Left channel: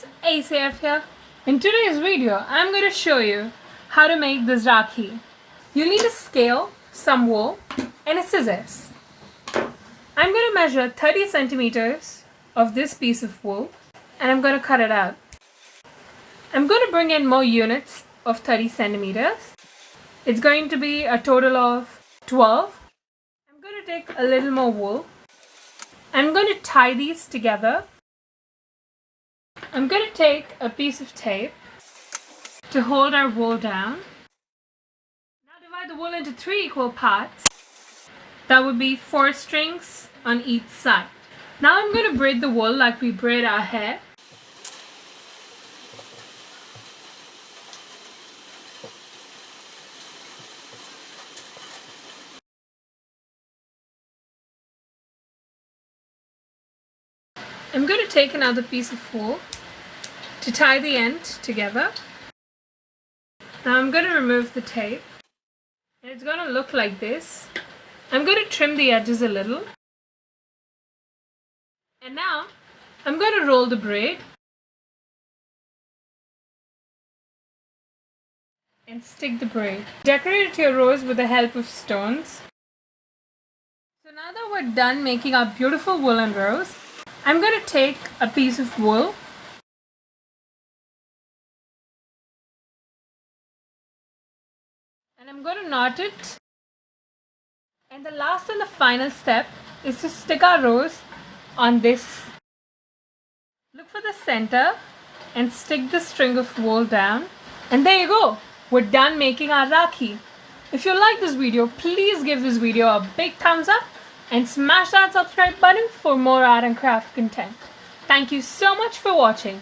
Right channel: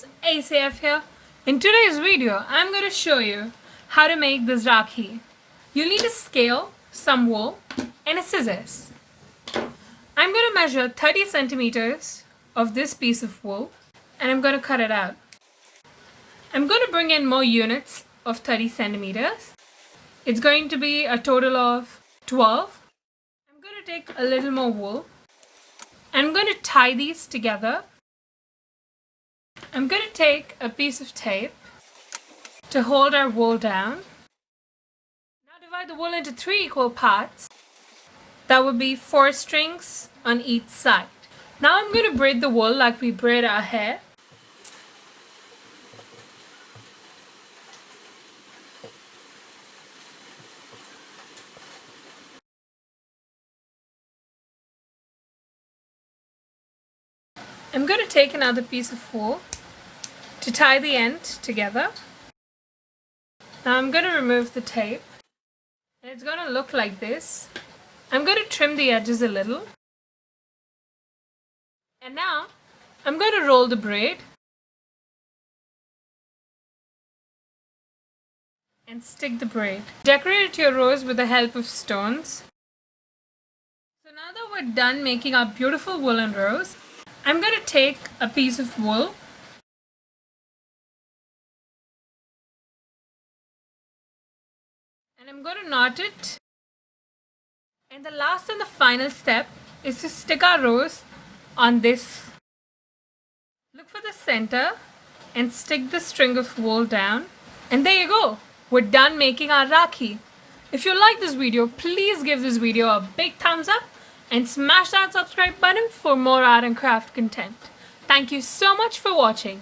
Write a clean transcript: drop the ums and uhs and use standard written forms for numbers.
friends, ACF here. In today's video, I'm going to show you how to make this Rakhi. You'll need a scale, some wool, and a scissors. I'm going to measure 30 centimeters of this piece of wool, and I'm going to cut it out. I'm going to bring in more units of 30 centimeters. It's going to be a total of 12. I'm going to take a little more wool. I'm going to tie these together. I'm going to take a piece of tape to hold our wool down. Now divide the wool into 3 equal parts. That would be 4 strings on each side. Now I'm going to braid the wool like we braid our hair. I'm going to take another piece of wool to tie the end together. Now I'm going to remove the tape, and it's going to look like this. I'm going to trim the edges a little, and now I'm going to roll the braid and stick the braid. Decorate your rose with the help of stones. So now that we're done making our beautiful woolen rose, I'm going to take a piece of wool and I'm going to knot it. And the last and the final step is to stick our rose on this. Look for the center and stick the string of wool down. And there you go. We're done making our Rakhi. If you like this video, please give this video a big thumbs up and smash that subscribe button for more art and craft content. Thank you so much for watching.